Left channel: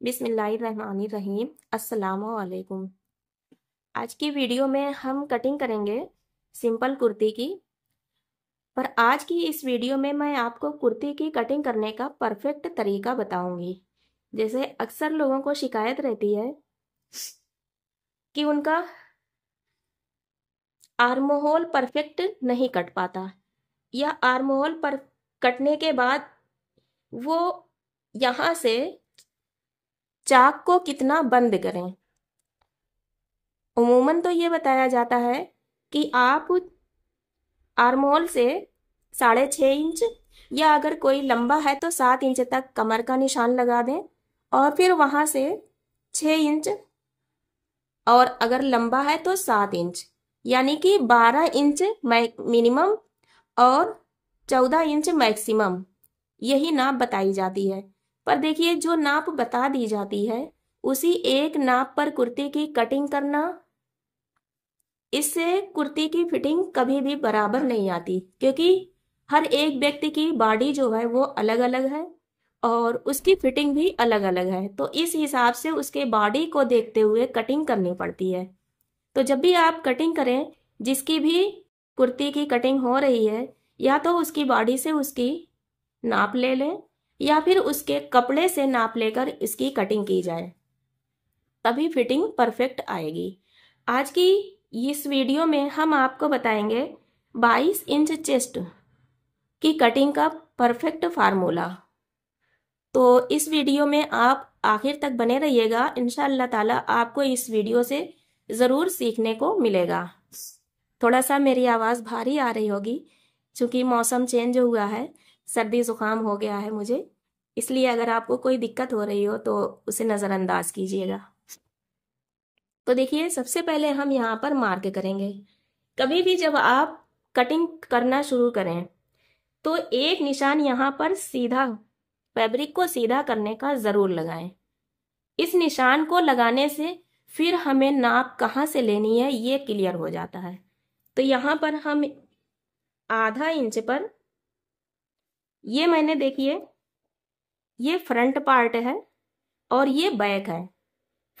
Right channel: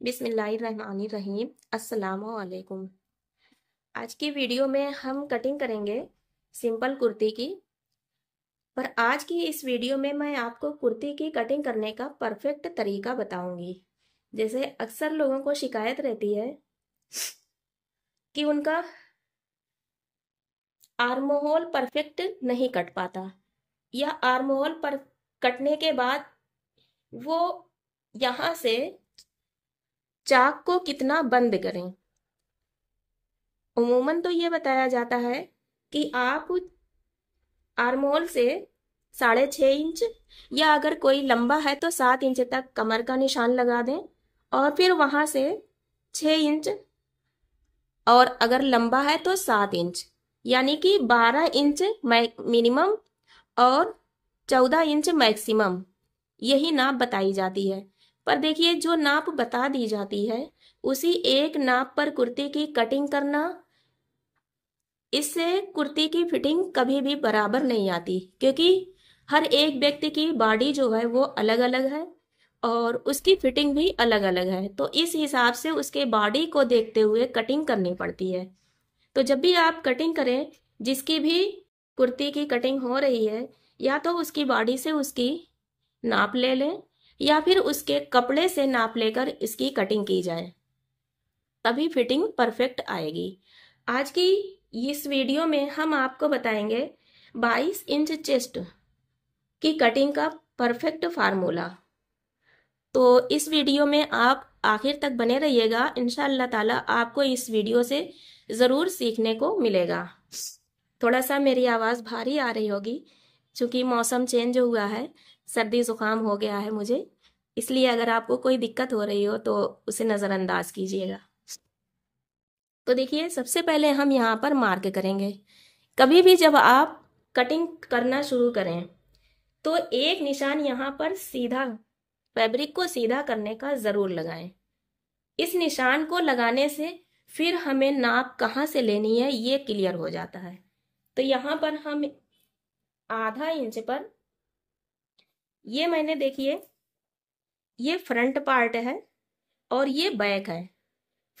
बिस्मिल्लाहिर्रहमानिर्रहीम। अस्सलामु अलैकुम। आज की वीडियो में हम कटिंग करेंगे सिंपल कुर्ती की। पर आज की इस वीडियो में मैं आपको कुर्ती की कटिंग करने का परफेक्ट तरीका बताऊंगी। जैसे अक्सर लोगों को शिकायत रहती है कि उनका आर्म होल परफेक्ट नहीं कट पाता, या आर्म होल पर कटने के बाद वो यहाँ से चाक को कितना बंद करें। उमूमन तो ये बताया जाता है कि आप आर्म होल से 6.5 इंच, या अगर कोई लंबा है तो 7 इंच तक कमर का निशान लगा दें, और फिर वहां से 6 इंच, और अगर लंबा है तो 7 इंच, यानी कि 12 इंच मिनिमम और 14 इंच मैक्सिमम, यही नाप बताई जाती है। पर देखिए, जो नाप बता दी जाती है उसी एक नाप पर कुर्ती की कटिंग करना, इससे कुर्ती की फिटिंग कभी भी बराबर नहीं आती, क्योंकि हर एक व्यक्ति की बॉडी जो है वो अलग अलग है और उसकी फिटिंग भी अलग अलग है। तो इस हिसाब से उसके बॉडी को देखते हुए कटिंग करनी पड़ती है। तो जब भी आप कटिंग करें, जिसकी भी कुर्ती की कटिंग हो रही है, या तो उसकी बॉडी से उसकी नाप ले लें, या फिर उसके कपड़े से नाप लेकर इसकी कटिंग की जाए, तभी फिटिंग परफेक्ट आएगी। आज की इस वीडियो में हम आपको बताएंगे 22 इंच चेस्ट की कटिंग का परफेक्ट फार्मूला। तो इस वीडियो में आप आखिर तक बने रहिएगा। इंशाअल्लाह ताला आपको इस वीडियो से ज़रूर सीखने को मिलेगा। थोड़ा सा मेरी आवाज़ भारी आ रही होगी, क्योंकि मौसम चेंज हुआ है, सर्दी ज़ुकाम हो गया है मुझे, इसलिए अगर आपको कोई दिक्कत हो रही हो तो उसे नज़रअंदाज कीजिएगा। तो देखिए, सबसे पहले हम यहाँ पर मार्क करेंगे। कभी भी जब आप कटिंग करना शुरू करें तो एक निशान यहाँ पर सीधा, फैब्रिक को सीधा करने का जरूर लगाएं। इस निशान को लगाने से फिर हमें नाप कहाँ से लेनी है ये क्लियर हो जाता है। तो यहाँ पर हम आधा इंच पर, ये मैंने देखिए, ये फ्रंट पार्ट है और ये बैक है।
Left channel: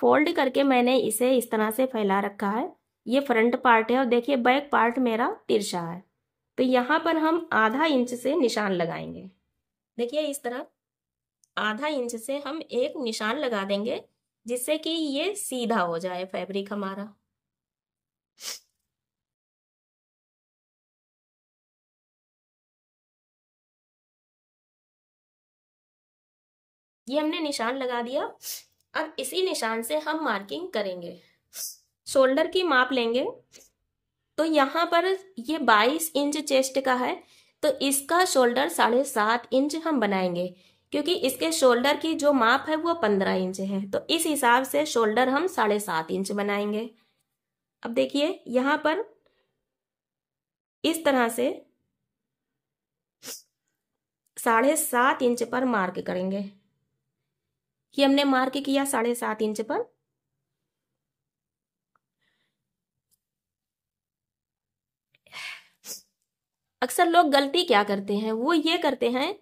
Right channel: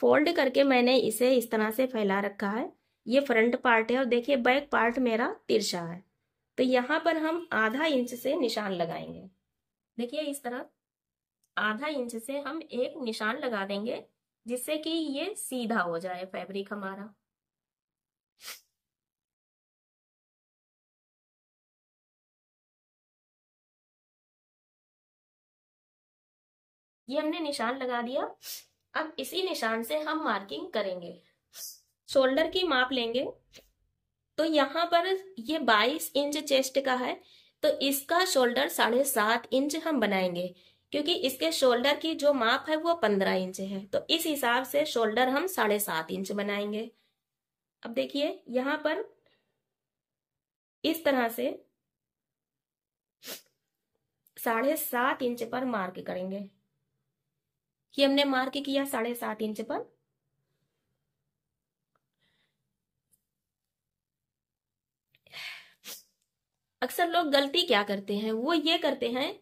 फोल्ड करके मैंने इसे इस तरह से फैला रखा है। ये फ्रंट पार्ट है और देखिए बैक पार्ट मेरा तिरछा है। तो यहाँ पर हम आधा इंच से निशान लगाएंगे। देखिए, इस तरह आधा इंच से हम एक निशान लगा देंगे, जिससे कि ये सीधा हो जाए फैब्रिक हमारा। ये हमने निशान लगा दिया। अब इसी निशान से हम मार्किंग करेंगे। शोल्डर की माप लेंगे। तो यहाँ पर ये 22 इंच चेस्ट का है, तो इसका शोल्डर 7.5 इंच हम बनाएंगे, क्योंकि इसके शोल्डर की जो माप है वो 15 इंच है। तो इस हिसाब से शोल्डर हम 7.5 इंच बनाएंगे। अब देखिए, यहाँ पर इस तरह से 7.5 इंच पर मार्क करेंगे। ये हमने मार्क किया 7.5 इंच पर। अक्सर लोग गलती क्या करते हैं, वो ये करते हैं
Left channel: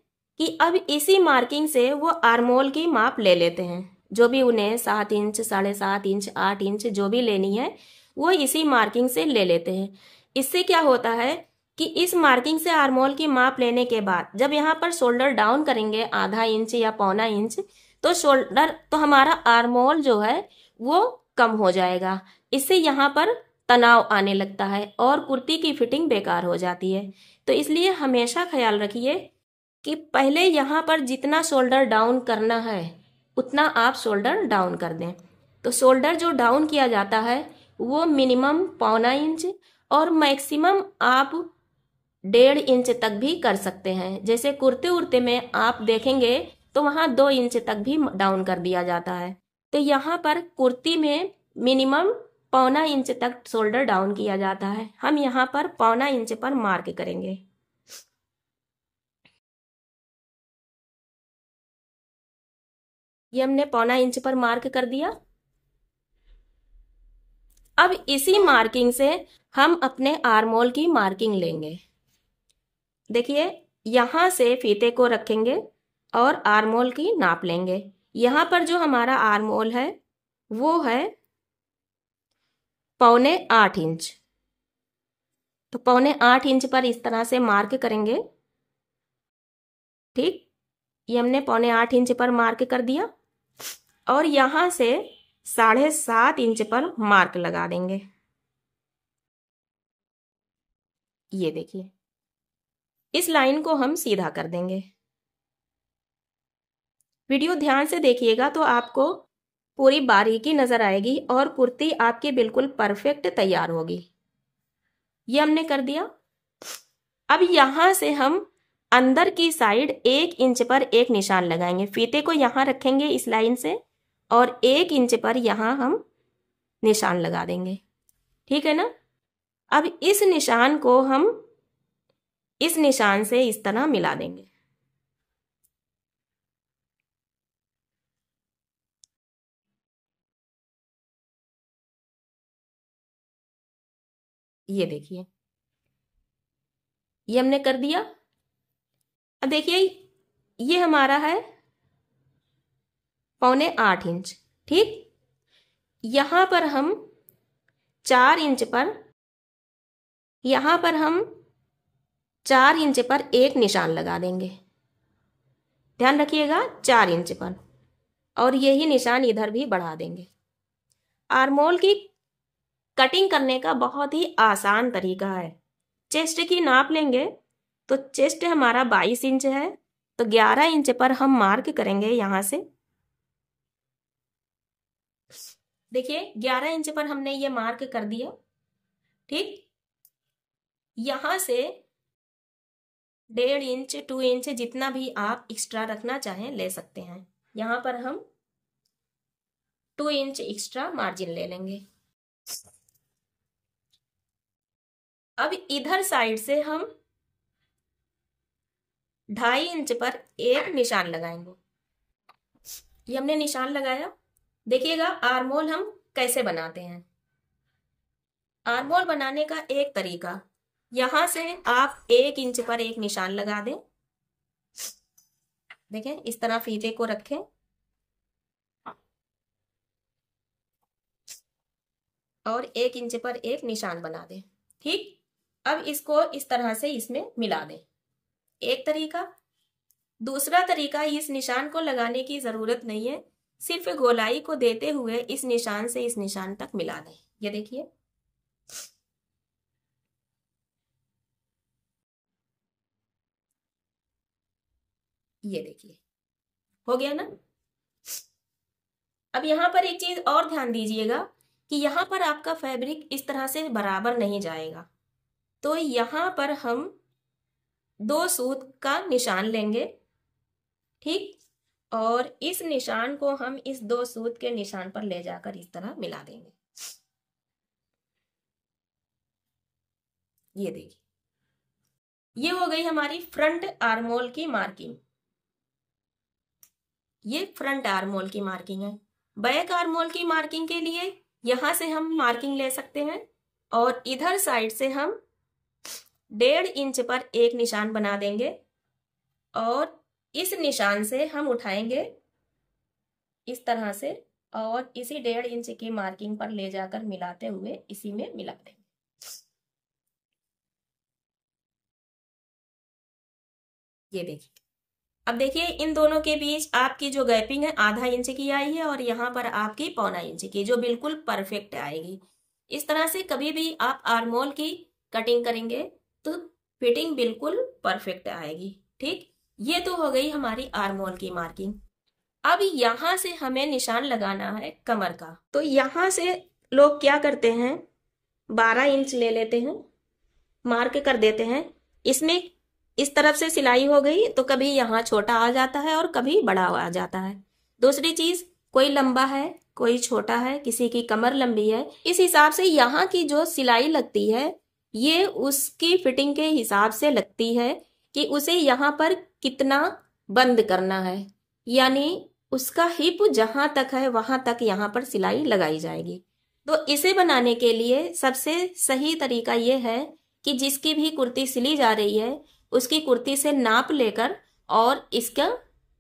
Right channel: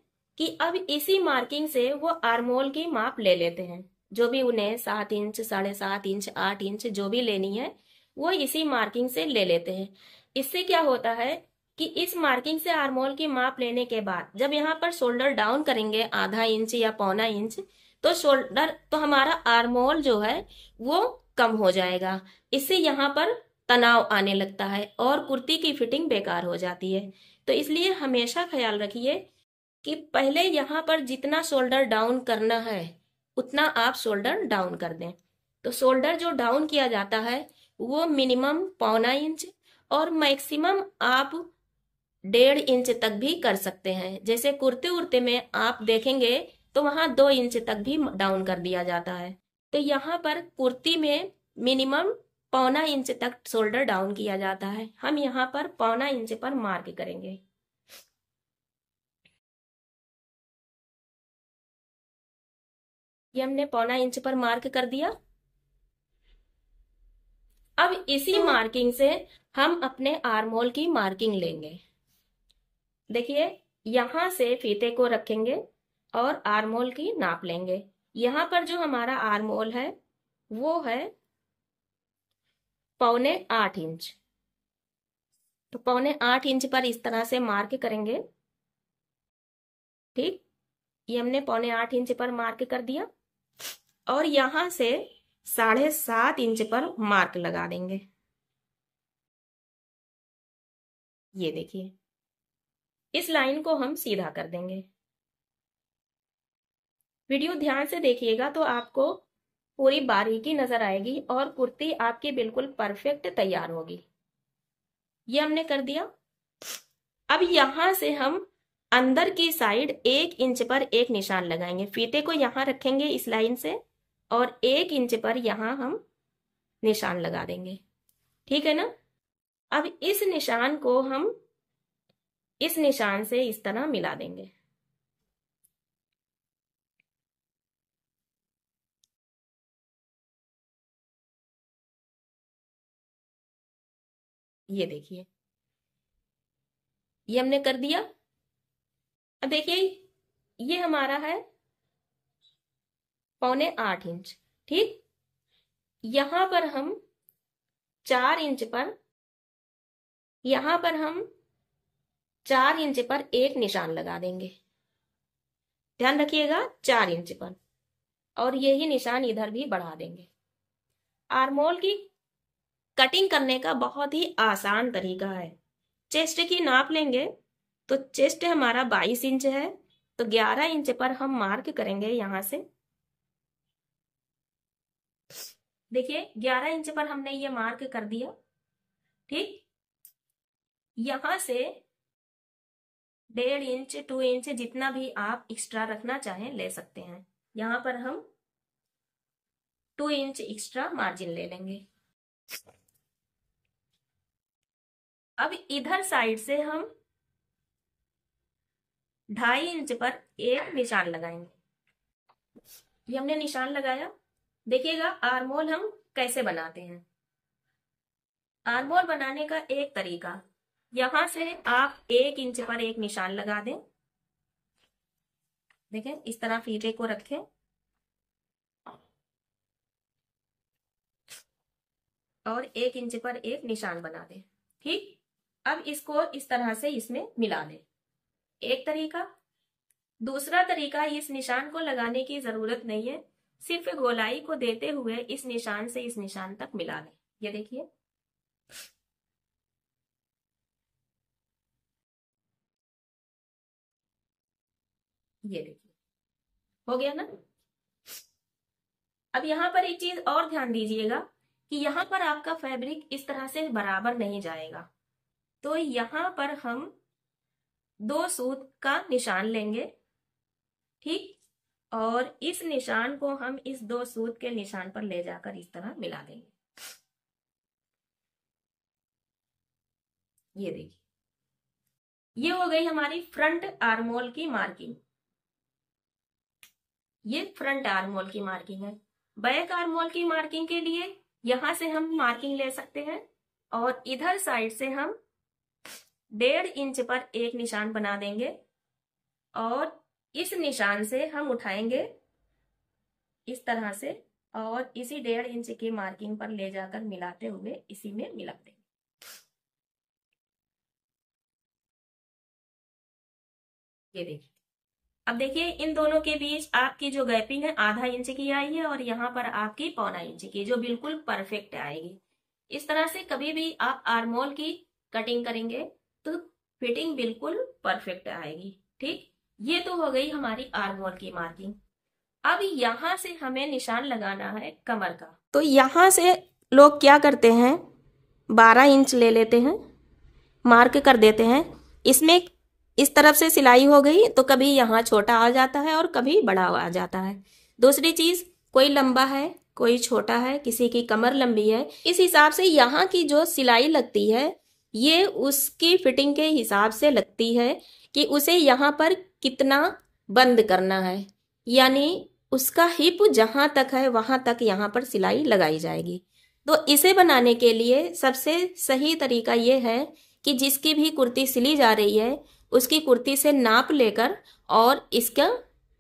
कि अब इसी मार्किंग से वो आर्मोल की माप ले लेते हैं। जो भी उन्हें 7 इंच, 7.5 इंच, 8 इंच जो भी लेनी है, वो इसी मार्किंग से ले लेते हैं। इससे क्या होता है कि इस मार्किंग से आर्मोल की माप लेने के बाद जब यहाँ पर शोल्डर डाउन करेंगे आधा इंच या पौना इंच, तो शोल्डर, तो हमारा आर्मोल जो है वो कम हो जाएगा। इससे यहाँ पर तनाव आने लगता है और कुर्ती की फिटिंग बेकार हो जाती है। तो इसलिए हमेशा ख्याल रखिए कि पहले यहाँ पर जितना शोल्डर डाउन करना है उतना आप शोल्डर डाउन कर दें। तो शोल्डर जो डाउन किया जाता है वो मिनिमम पौना इंच और मैक्सिमम आप 1.5 इंच तक भी कर सकते हैं। जैसे कुर्ते उर्ते में आप देखेंगे तो वहां 2 इंच तक भी डाउन कर दिया जाता है। तो यहाँ पर कुर्ती में मिनिमम पौना इंच तक शोल्डर डाउन किया जाता है। हम यहाँ पर पौना इंच पर मार्क करेंगे। ये हमने पौना इंच पर मार्क कर दिया। अब इसी मार्किंग से हम अपने आर्मोल की मार्किंग लेंगे। देखिए, यहां से फीते को रखेंगे और आर्मोल की नाप लेंगे। यहाँ पर जो हमारा आर्म होल है वो है 7.25 इंच। तो 7.25 इंच पर इस तरह से मार्क करेंगे। ठीक, ये हमने 7.25 इंच पर मार्क कर दिया और यहां से 7.5 इंच पर मार्क लगा देंगे। ये देखिए, इस लाइन को हम सीधा कर देंगे। वीडियो ध्यान से देखिएगा तो आपको पूरी बारीकी नजर आएगी और कुर्ती आपकी बिल्कुल परफेक्ट तैयार होगी। ये हमने कर दिया। अब यहां से हम अंदर की साइड 1 इंच पर एक निशान लगाएंगे। फीते को यहां रखेंगे इस लाइन से और 1 इंच पर यहां हम निशान लगा देंगे। ठीक है ना। अब इस निशान को हम इस निशान से इस तरह मिला देंगे। ये देखिए, ये हमने कर दिया। अब देखिए, ये हमारा है 7.25 इंच। ठीक, यहां पर हम 4 इंच पर यहां पर हम 4 इंच पर एक निशान लगा देंगे। ध्यान रखिएगा, 4 इंच पर, और यही निशान इधर भी बढ़ा देंगे। आर्मोल की कटिंग करने का बहुत ही आसान तरीका है। चेस्ट की नाप लेंगे तो चेस्ट हमारा 22 इंच है, तो 11 इंच पर हम मार्क करेंगे। यहां से देखिए, 11 इंच पर हमने ये मार्क कर दिया। ठीक, यहां से 1.5 इंच 2 इंच जितना भी आप एक्स्ट्रा रखना चाहें ले सकते हैं। यहां पर हम 2 इंच एक्स्ट्रा मार्जिन ले लेंगे। अब इधर साइड से हम 2.5 इंच पर एक निशान लगाएंगे। ये हमने निशान लगाया। देखिएगा आर्मोल हम कैसे बनाते हैं। आर्मोल बनाने का एक तरीका, यहां से आप 1 इंच पर एक निशान लगा दें। देखें, इस तरह फीते को रखें और 1 इंच पर एक निशान बना दें। ठीक, अब इसको इस तरह से इसमें मिला दें। एक तरीका। दूसरा तरीका, इस निशान को लगाने की जरूरत नहीं है, सिर्फ गोलाई को देते हुए इस निशान से इस निशान तक मिला दें। ये देखिए, ये देखिए, हो गया ना। अब यहां पर एक चीज और ध्यान दीजिएगा कि यहां पर आपका फैब्रिक इस तरह से बराबर नहीं जाएगा। तो यहां पर हम 2 सूत का निशान लेंगे। ठीक, और इस निशान को हम इस 2 सूत के निशान पर ले जाकर इस तरह मिला देंगे। ये देखिए, ये हो गई हमारी फ्रंट आर्मोल की मार्किंग। ये फ्रंट आर्मोल की मार्किंग है। बैक आर्मोल की मार्किंग के लिए यहां से हम मार्किंग ले सकते हैं और इधर साइड से हम 1.5 इंच पर एक निशान बना देंगे और इस निशान से हम उठाएंगे इस तरह से और इसी 1.5 इंच की मार्किंग पर ले जाकर मिलाते हुए इसी में मिला देंगे। ये देखिए, अब देखिए इन दोनों के बीच आपकी जो गैपिंग है 0.5 इंच की आई है और यहाँ पर आपकी 0.25 इंच की, जो बिल्कुल परफेक्ट आएगी। इस तरह से कभी भी आप आर्मोल की कटिंग करेंगे तो फिटिंग बिल्कुल परफेक्ट आएगी। ठीक, ये तो हो गई हमारी आर्मोल की मार्किंग। अब यहां से हमें निशान लगाना है कमर का। तो यहां से लोग क्या करते हैं, 12 इंच ले लेते हैं, मार्क कर देते हैं। इसमें इस तरफ से सिलाई हो गई तो कभी यहाँ छोटा आ जाता है और कभी बड़ा आ जाता है। दूसरी चीज, कोई लंबा है कोई छोटा है, किसी की कमर लंबी है, इस हिसाब से यहाँ की जो सिलाई लगती है ये उसकी फिटिंग के हिसाब से लगती है कि उसे यहाँ पर कितना बंद करना है, यानी उसका हिप जहां तक है वहां तक यहाँ पर सिलाई लगाई जाएगी। तो इसे बनाने के लिए सबसे सही तरीका ये है कि जिसकी भी कुर्ती सिली जा रही है उसकी कुर्ती से नाप लेकर और इसका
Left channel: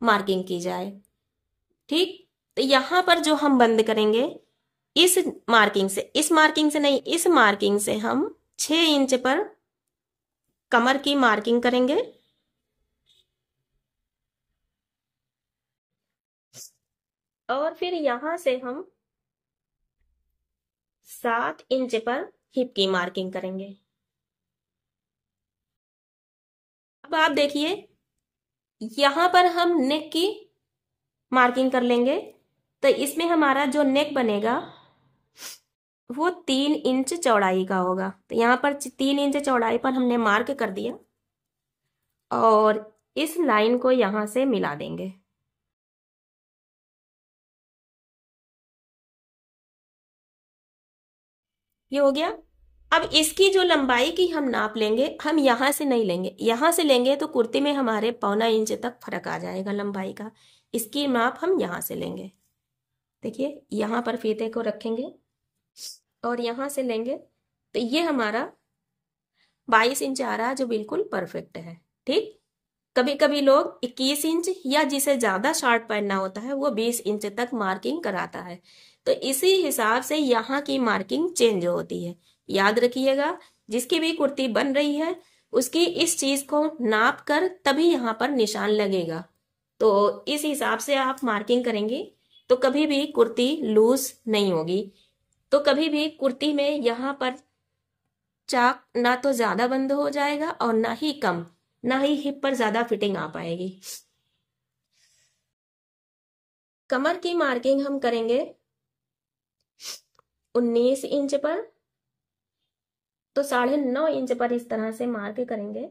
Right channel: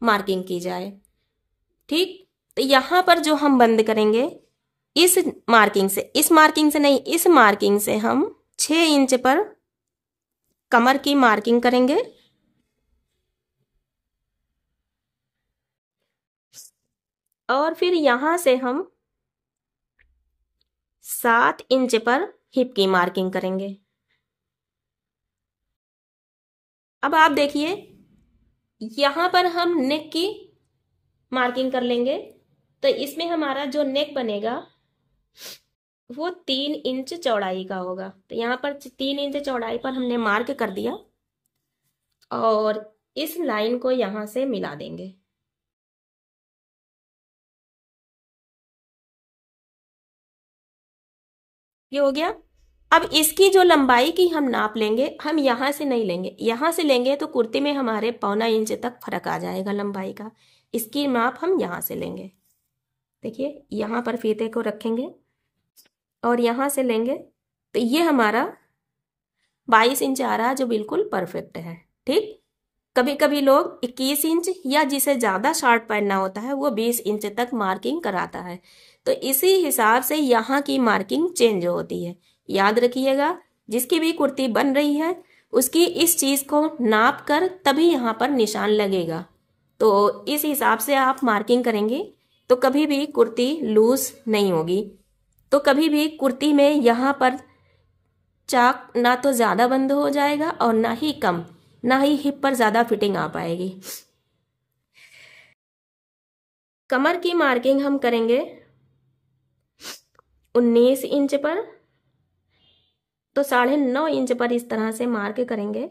मार्किंग की जाए। ठीक, तो यहाँ पर जो हम बंद करेंगे इस मार्किंग से, इस मार्किंग से नहीं, इस मार्किंग से हम 6 इंच पर कमर की मार्किंग करेंगे और फिर यहां से हम 7 इंच पर हिप की मार्किंग करेंगे। अब आप देखिए यहां पर हम नेक की मार्किंग कर लेंगे, तो इसमें हमारा जो नेक बनेगा वो 3 इंच चौड़ाई का होगा। तो यहाँ पर 3 इंच चौड़ाई पर हमने मार्क कर दिया और इस लाइन को यहां से मिला देंगे। ये हो गया। अब इसकी जो लंबाई की हम नाप लेंगे, हम यहां से नहीं लेंगे, यहां से लेंगे तो कुर्ती में हमारे 1.25 इंच तक फर्क आ जाएगा लंबाई का। इसकी माप हम यहां से लेंगे। देखिए यहां पर फीते को रखेंगे और यहां से लेंगे तो ये हमारा 22 इंच आ रहा है, जो बिल्कुल परफेक्ट है। ठीक, कभी कभी लोग 21 इंच या जिसे ज्यादा शॉर्ट पहनना होता है वो 20 इंच तक मार्किंग कराता है, तो इसी हिसाब से यहाँ की मार्किंग चेंज होती है। याद रखिएगा, जिसकी भी कुर्ती बन रही है उसकी इस चीज को नाप कर तभी यहाँ पर निशान लगेगा। तो इस हिसाब से आप मार्किंग करेंगे तो कभी भी कुर्ती लूज नहीं होगी। तो कभी भी कुर्ती में यहाँ पर चाक ना तो ज्यादा बंद हो जाएगा और ना ही कम, ना ही हिप पर ज्यादा फिटिंग आ पाएगी। कमर की मार्किंग हम करेंगे 19 इंच पर, तो 9.5 इंच पर इस तरह से मार्क करेंगे।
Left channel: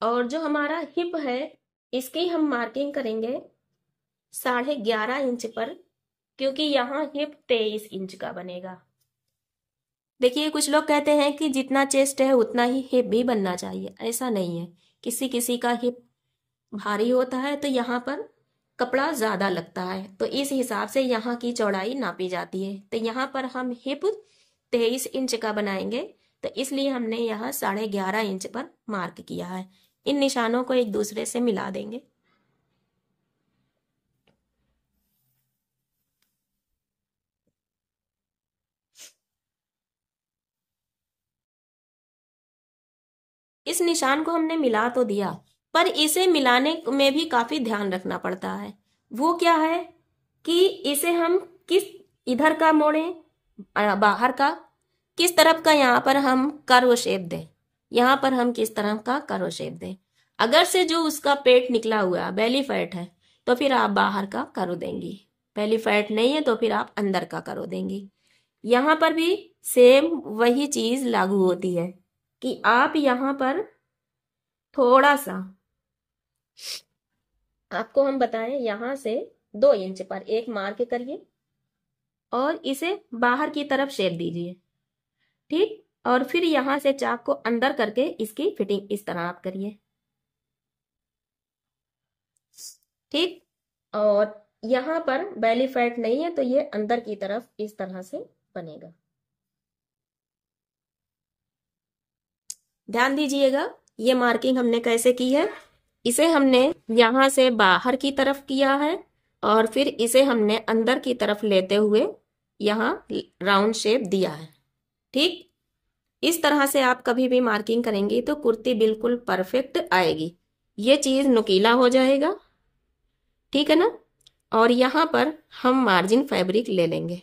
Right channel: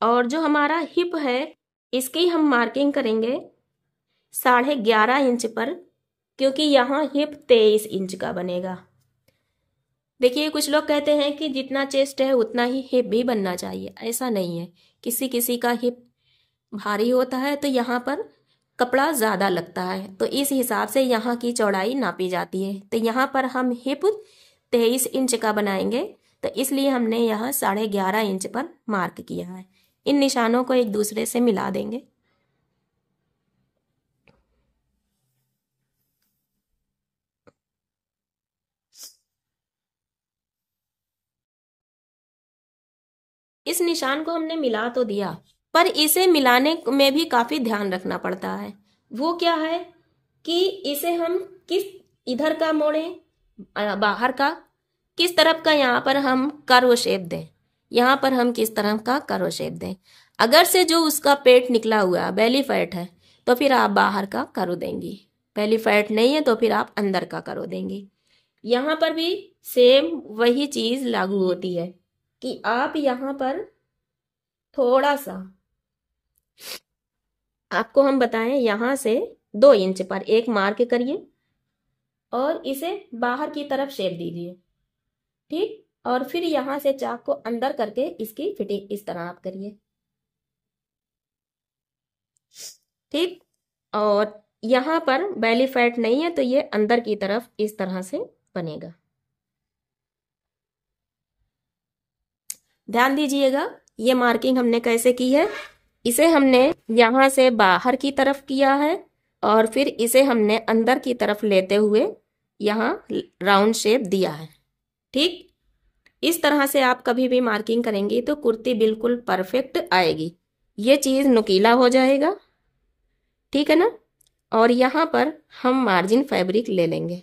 और जो हमारा हिप है इसकी हम मार्किंग करेंगे 11.5 इंच पर, क्योंकि यहाँ हिप 23 इंच का बनेगा। देखिए कुछ लोग कहते हैं कि जितना चेस्ट है उतना ही हिप भी बनना चाहिए, ऐसा नहीं है। किसी किसी का हिप भारी होता है तो यहाँ पर कपड़ा ज्यादा लगता है, तो इस हिसाब से यहाँ की चौड़ाई नापी जाती है। तो यहाँ पर हम हिप 23 इंच का बनाएंगे, तो इसलिए हमने यहाँ 11.5 इंच पर मार्क किया है। इन निशानों को एक दूसरे से मिला देंगे। इस निशान को हमने मिला तो दिया, पर इसे मिलाने में भी काफी ध्यान रखना पड़ता है। वो क्या है कि इसे हम किस इधर का मोड़े, बाहर का, किस तरफ का यहाँ पर हम कर्व शेप दें, यहाँ पर हम किस तरफ का कर्व शेप दें। अगर से जो उसका पेट निकला हुआ बेली फैट है तो फिर आप बाहर का कर्व देंगी, बेली फैट नहीं है तो फिर आप अंदर का कर्व देंगी। यहाँ पर भी सेम वही चीज लागू होती है कि आप यहाँ पर थोड़ा सा, आपको हम बताएं, यहां से 2 इंच पर एक मार्क करिए और इसे बाहर की तरफ शेप दीजिए। ठीक, और फिर यहां से चाक को अंदर करके इसकी फिटिंग इस तरह आप करिए। ठीक, और यहां पर बेली फैट नहीं है तो ये अंदर की तरफ इस तरह से बनेगा। ध्यान दीजिएगा ये मार्किंग हमने कैसे की है। इसे हमने यहां से बाहर की तरफ किया है और फिर इसे हमने अंदर की तरफ लेते हुए यहाँ राउंड शेप दिया है। ठीक, इस तरह से आप कभी भी मार्किंग करेंगी तो कुर्ती बिल्कुल परफेक्ट आएगी। ये चीज नुकीला हो जाएगा, ठीक है ना। और यहाँ पर हम मार्जिन फैब्रिक ले लेंगे।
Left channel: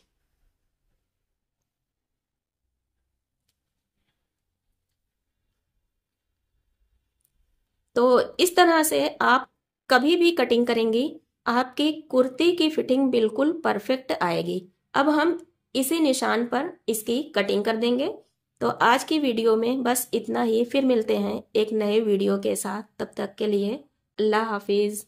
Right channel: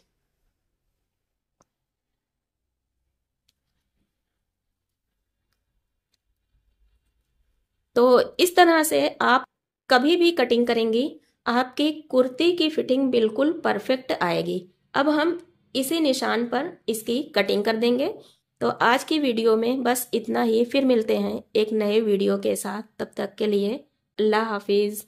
तो इस तरह से आप कभी भी कटिंग करेंगी आपकी कुर्ती की फिटिंग बिल्कुल परफेक्ट आएगी। अब हम इसी निशान पर इसकी कटिंग कर देंगे। तो आज की वीडियो में बस इतना ही, फिर मिलते हैं एक नए वीडियो के साथ। तब तक के लिए अल्लाह हाफिज।